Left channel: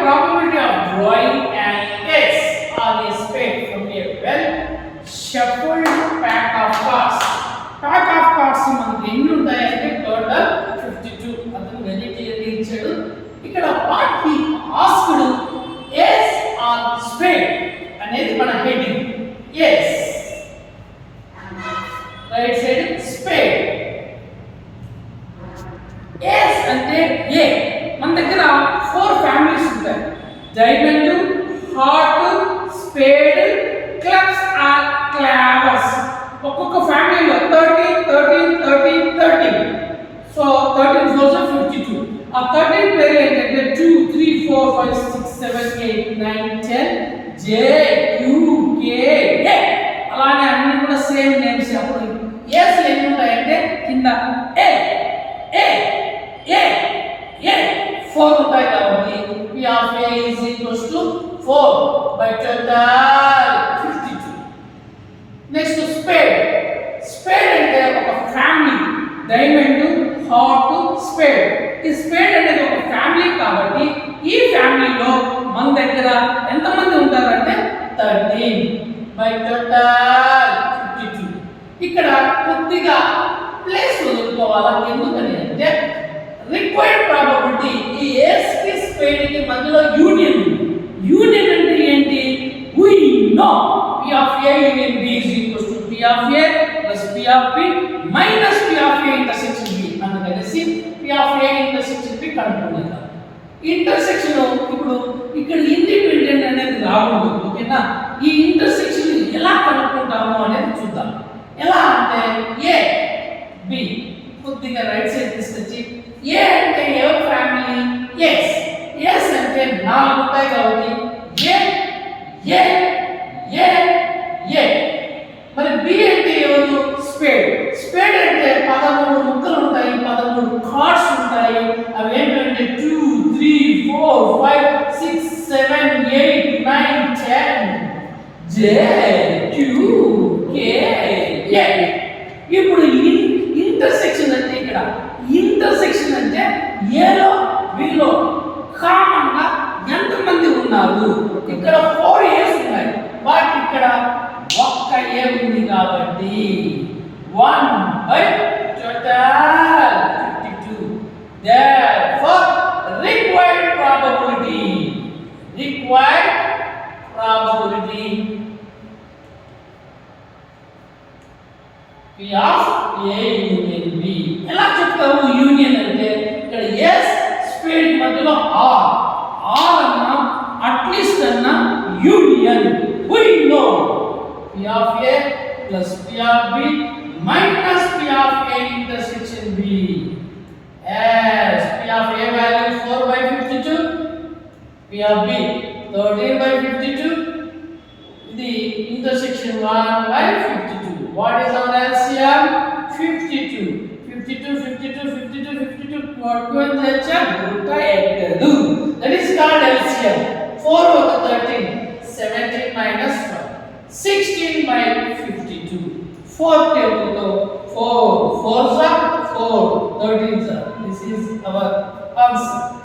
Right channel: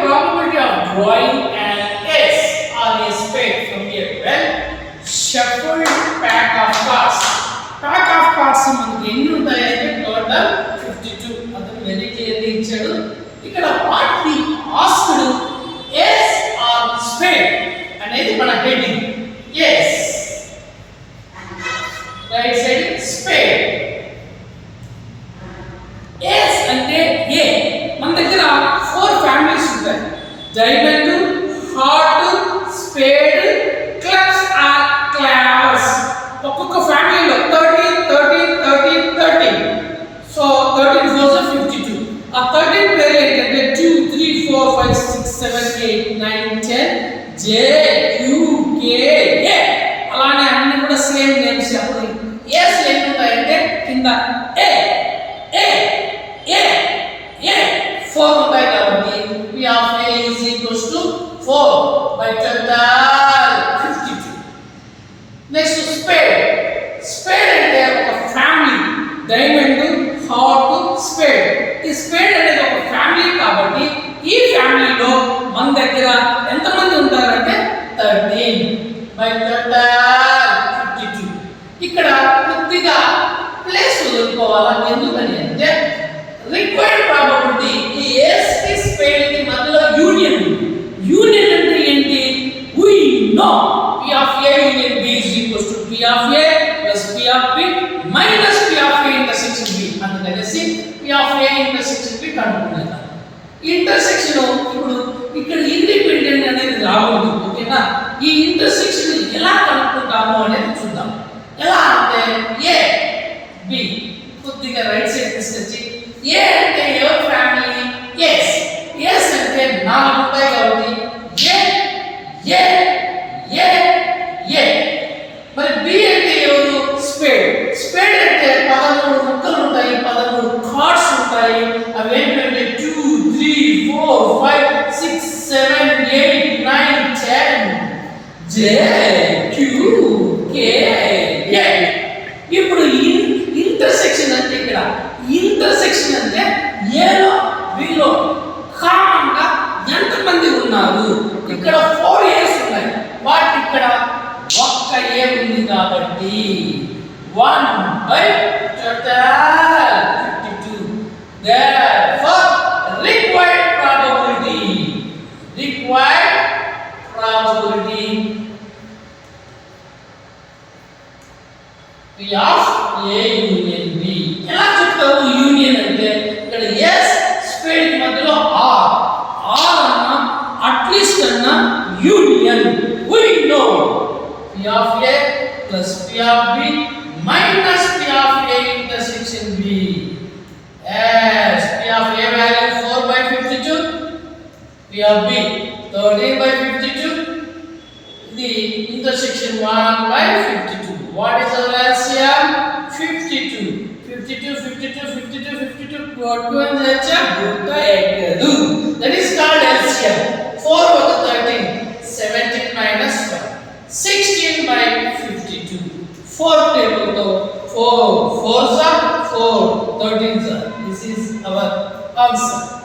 probability of drawing an S or a spade from a well shuffled pack of cards. Pack of cards మనకి ఎన్ని ఉంటాయంటే total 52. అతను very clearly ఇచ్చాడు. ఇక్కడ what he asked S or spade అనేది మన heading. S right side spade. S అంటే A. మన దగ్గర 4 ఫ్యామిలీస్ ఉంటాయి. Diamond, heart, spade, clubs or క్లావ్స్. ఒక్కొక్క ఫ్యామిలీలో 13 13 13 13. సో 13 4 52. ఆ 13 పేరు ఏంటంటే 2 3 4 5 6 7 8 9 10 J Q K A. అలానే అన్ని కూడా సేమ్ నేమ్స్. అప్పుడు S ఎన్ని ఉంటాయంటే కింద A A A A 4 ఉంటాయి కాబట్టి P of A is equals to 4 by total 52. Next spade. Spade అంటే ఒక ఫ్యామిలీ. Diamond, heart, spade. ఈ స్పేడ్ అనేది ఒక ఫ్యామిలీ కాబట్టి ఈ ఫ్యామిలీలో మన దగ్గర ఎంతమంది ఉంటారంటే 13 by total 52. ఇక్కడ కొద్దిగా ప్లేస్ వదులుకోవాలా. ఎందుకని అంటే రిక్వైర్డ్ ప్రాబబిలిటీ ఈ ఎస్ కి స్పేడ్ కి మధ్యలో యూనియన్. యూనియన్ అంటే ఏంటి? We know P of A union B is equals to P of A plus P of B minus P of A intersection B. అందుకనేసి P of A intersection B కనుక్కుందాం. Intersection ఇప్పుడు ఇక్కడ independent అనేది రాకూడదు. ఓకేనా? ఈ ఇంటర్సెక్షన్ ఎలా కనుక్కుంటాము అనేది చూద్దాం. ఎలా అంటే A B కొద్దిగా రైట్ సైడ్ తీసుకొచ్చి A అంటే ఎవరి ఫ్యామిలీ? S. S అంటే 4 ఉంటాయి కాబట్టి A A A A. మరి B అంటే ఎవరు? స్పేడ్. స్పేడ్ అంటే 13 ముక్కలు ఉంటాయి, 13 కార్డ్స్ ఉంటాయి. అవి ఏంటంటే 2 3 4 5 6 7 8 9 10 J Q K A. ఇప్పుడు ఇంటర్సెక్షన్ అంటే ఇక్కడ ఇంటర్సెక్షన్ అంటే ఏలో వీలో కామన్ గా ఎంతమంది ఉన్నారు? ఇక్కడ 4 A's ఉన్నాయి. వాటి ఇక్కడ ఒక్క A ఉంది కాబట్టి 1 by total 52. Therefore required probability P of A union B. ఎలా చెప్తావు యూనియన్ అంటే? ఇక్కడ S స్పేడ్ మధ్యలో R అన్న అట్లీస్ట్ అన్న union. we know P of A plus P of B minus P of A intersection B. As P of A value 4 by 52, P of B 13 by 52, the intersection 1 by 52. What is our LCM? 52. 52, 52, 52, 52. That is called LCM. 4 over 13. 17 minus 1. 16 by 52. 4 table to 4. 4s are 4. 13s are. This is our answer.